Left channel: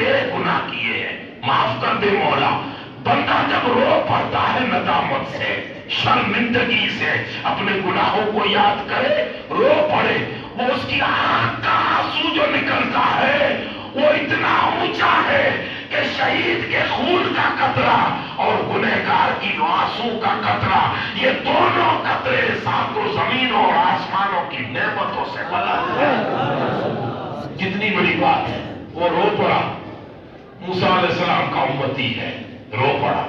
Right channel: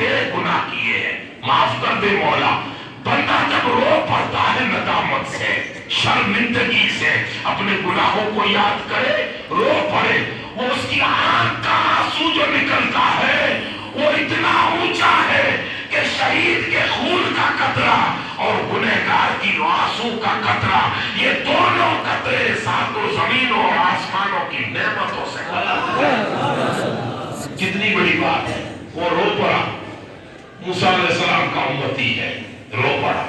تیرے گناہ کیے ہیں، معاف کر دے مولا۔ بندہ جب رو پڑتا ہے ندامت سے، شرمندگی سے، اپنے گناہوں کو یاد کرے، رو پڑے، وہ اس کی آنکھ کا آنسو جو نکلتا ہے وہ اتنا اونچا ہے کہ شہید کے خون کا قطرہ اور گنہگار کی آنسو کا قطرہ، یہ دونوں قطرے ساتوں زمینوں اور آسمانوں کی نعمتوں سے بلند ہے۔ کتنی بڑی بات ہے۔ وہ رو پڑا، موسیٰ علیہ السلام کا امتی ہے، رو پڑا،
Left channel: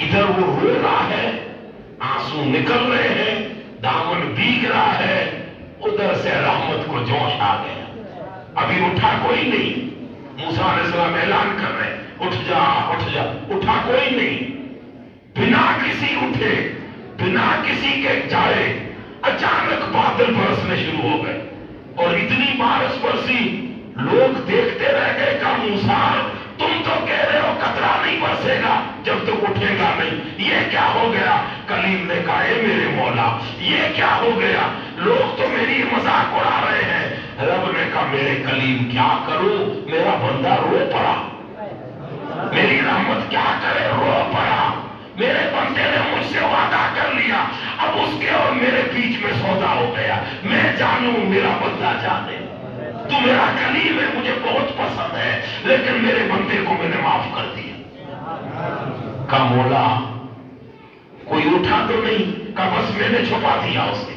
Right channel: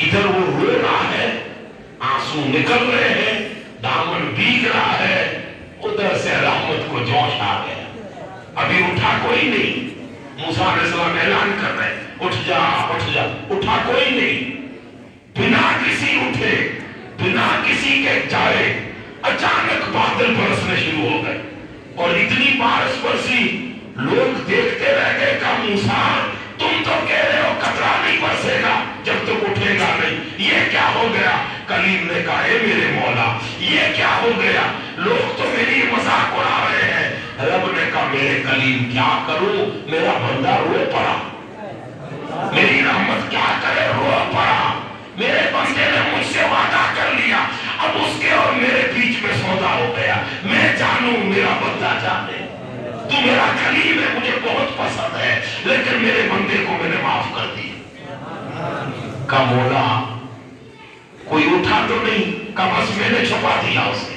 ادھر وہ رو رہا ہے، آنسو نکل رہے ہیں، دامن بھیگ رہا ہے، ادھر سے رحمت کو جوش آ گیا۔ ابھی اٹھا کوئی نہیں، موسیٰ علیہ السلام اعلان کر رہے ہیں اٹھ جا اٹھ جا، اٹھا کوئی نہیں، بنا کسی اٹھے، بنا کسی کے جائے اچانک بادل برسنے شروع ہو گئے، اور اتنی بارش برسی لوگ دیکھتے رہ گئے کہ موسیٰ تم تو کہہ رہے ہو قطرہ نہیں برسے گا جب تک اٹھے گا نہیں، یہ کیا ہو گیا؟ کلیم نے کہا اے میرے مولا یہ کیا ہو گیا؟ لوگ تو میری مذاق اڑا رہے ہیں۔ رب نے کہا میرے کلیم کیا کروں، میرا بندہ رو پڑا، میری رحمت کیا کرے، رو پڑا، میرے بندے نے مجھ سے وعدہ کر لیا، اب اس کے اور میرے بیچ میں سودا ہو گیا، میں جانوں میرا بندہ جانے، تو میرا کلیم ہے، مجھے بہت پسند ہے، لیکن میرے بندے کو میں نے معاف کر دیا۔ کہا مولا کوئی اٹھا تو نہیں؟ کہا بس میں نے چھپا دیا اسے۔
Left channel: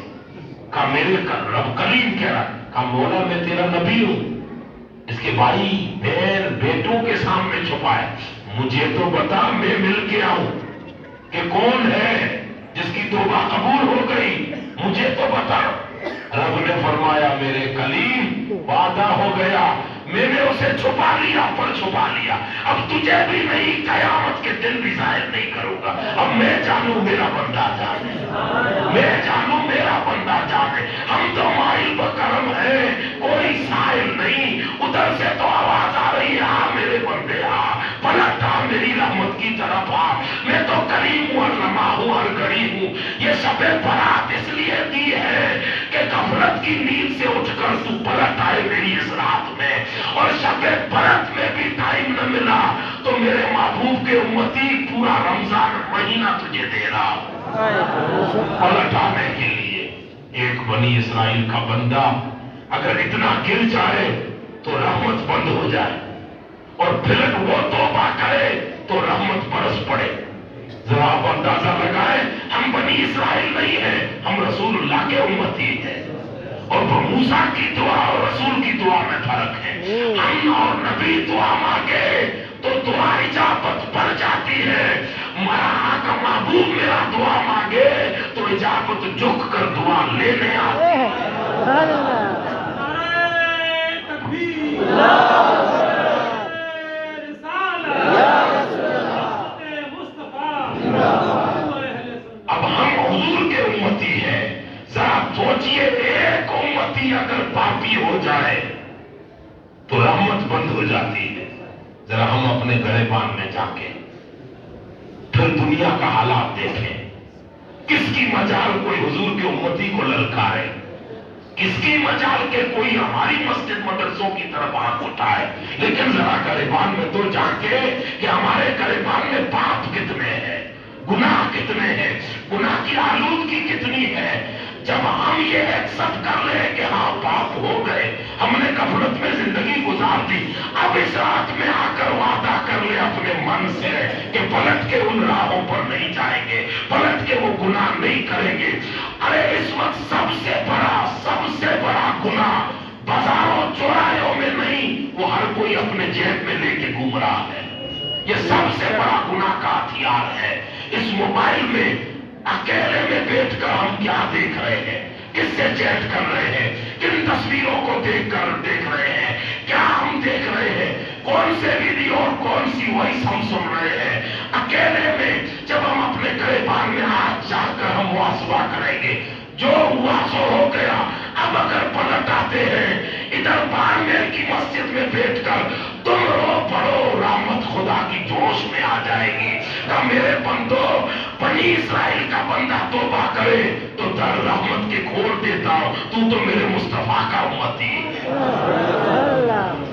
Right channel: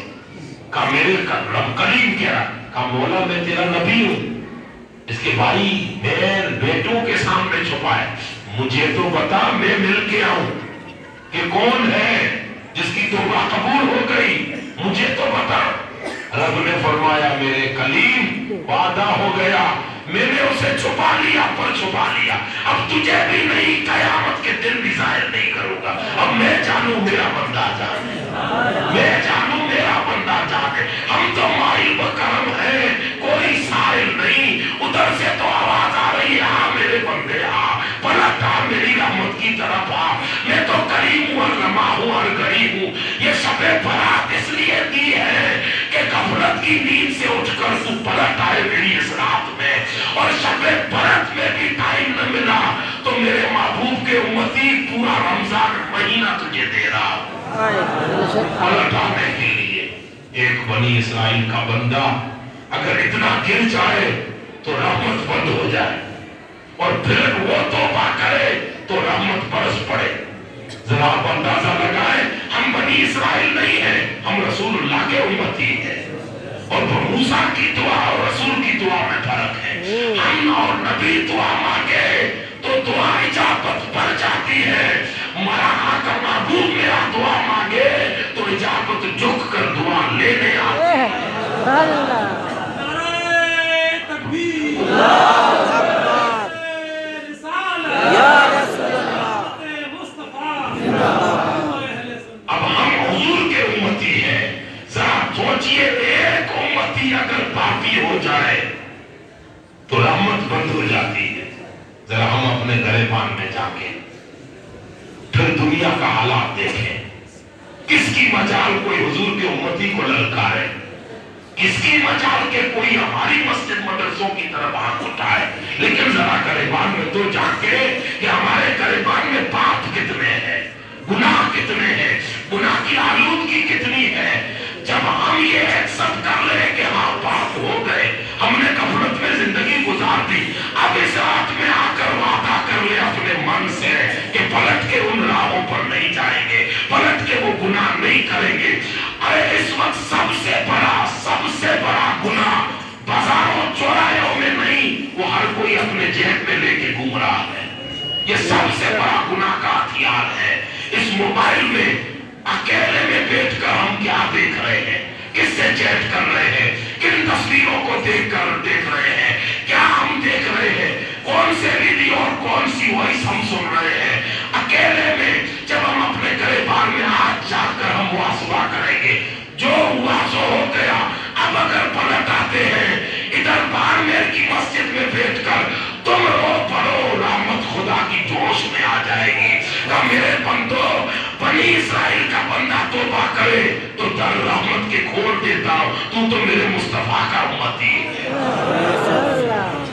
کہا میرے رب کلیم کہہ رہا، کہا مولا میں تیرا نبی ہوں، اس کے بھائی بہن بیٹوں کے سامنے چھپا ہے، مجھے تو بتا، میں مل کے آؤں کہ کون ہے جس کی توبہ قبول ہو گئی، مجھے تو بتا۔ رب نے فرمایا میرے کلیم وعدہ ہو گیا، میں نے اسے چھپا لیا پر چھپا لیا، اب تجھے بھی نہیں، قیامت کے دن بھی ظاہر نہیں کروں گا، اب میں جانوں میرا بندہ جانے، میں جانوں میرا بندہ جانے۔ ہم تو مائل بکرم ہے، کوئی سائل نہیں، ادھر سے تو آواز آ رہی ہے آ میرے بندے آ، پلٹ آ میری رحمت کی طرف آ، میں تو کریم ہوں اور لمحہ ہوں اور گھڑی ہوں۔ یہ شب برات اس لیے دی ہے کہ غفلت کی نیند سے اٹھ کر تو پلٹ آئے میری اس رات میں، اور شب برات میں بھی ٹائم نہ ملا تو میرے محبوب کے امتی پورا رمضان مہینہ تجھے دے رہا پلٹ آنے کے لیے۔ ایک بنی اسرائیل کا بندہ اگر اتنا گر جائے تو رحمت بند ہو جائے، اور پھر وہ توبہ کرے تو رحمت برس پڑے۔ ذرا آپ اندازہ لگائیں، ہم بنی اسرائیل نہیں ہیں، ہم رسول اللہ کے امتی ہیں، اور موسیٰ کی دعا اور رسول کی دعا میں فرق ہے۔ ہم اور نبی دعا مانگے تو دعا اجابت پر جاتی ہے، ہمارا کا محبوب میرا دعا مانگے تو اجابت جھک کر دعا لینے آتی ہے۔ اب ہم حضور کے امتی ہیں، ذرا سوچئے ایک امتی اگر پاپی ہو جائے تو رحمت بند ہو جاتی ہے۔ ذرا ہم اپنے گریبان میں جا کے پھر دنیا کا حالات دیکھیں، کس کی مجال کوئی حضور کے امتی کو للکارے، کس کی مجال کے کوئی ہماری مسجد مدرسوں کی طرف ہاتھ اٹھائے، لیکن ذرا گریبان میں تو جا کے کہ ہمارے گریبان میں پاپ کتنے ہیں، گناہ کتنے ہیں، گناہ کی آلودگی کتنی ہے۔ جب ہم یہ ایکسپٹ کر لیں کہ ہاں پاک ہو گئے، ہم نے غفلت میں زندگی گزار دی، اب اس رات میں آ کر وعدہ کر لے اپنے من سے کہ پلٹ کے ان راہوں پر نہیں جائیں گے، پلٹ کے وہ گناہ نہیں کریں گے۔ ارے اس وقت سب سے بڑا گناہ بازاروں چوراہوں میں نہیں، وہ ہر کوئی اپنے جیب میں لے کے گھوم رہا ہے، یہ سب سے بڑا گناہ کا ہتھیار ہے۔ اس موبائل میں اکیلے میں بیٹھ کر ہم کیا دیکھ رہے ہیں، کس سے چیٹ کر رہے ہیں، کن تصویروں کو دیکھ رہے ہیں، کیا ہم دیکھ رہے ہیں، کون سے ویڈیو اور کون سی وائس ہم سن رہے ہیں۔ اکیلے میں جب ہم اپنے گریبان میں ہاتھ جا کر ہم مواصلہ کریں گے، جو ہوا سو ہو گیا۔ اب اگر پلٹ آتے ہیں ادھر بارمیر کی مسجد میں بیٹھ کر، تم رو پڑو، رحمت خدا کی جوش میں آ جائے گی۔ کہ میرے بندو، بنی اسرائیل کا بندہ توبہ کرے تو در رحمت کے کھول دیتا ہوں، تو میرے مصطفیٰ کا امتی ہے۔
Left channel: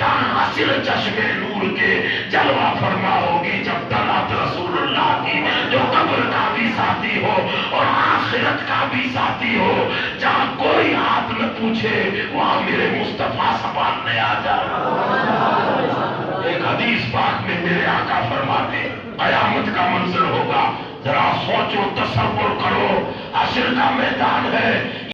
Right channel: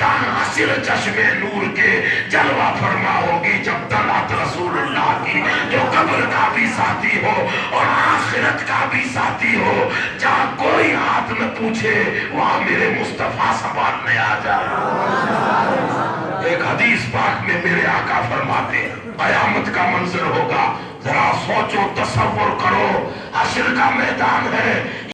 حاصل چشمے نور کے جلوہ فرما ہوگی جب طلعت رسول اللہ کی، جو قبر کا بھی ساتھی ہو اور آخرت کا بھی ساتھی ہو، جہاں کوئی ہاتھ نہ پوچھے وہاں میرے مصطفیٰ سنبھالنے آ جائے۔ ایک حدیث پاک میں میرے آقا فرماتے قیامت کا منظر ہوگا، ذرا سوچو تصور کرو، حشر کا میدان ہے،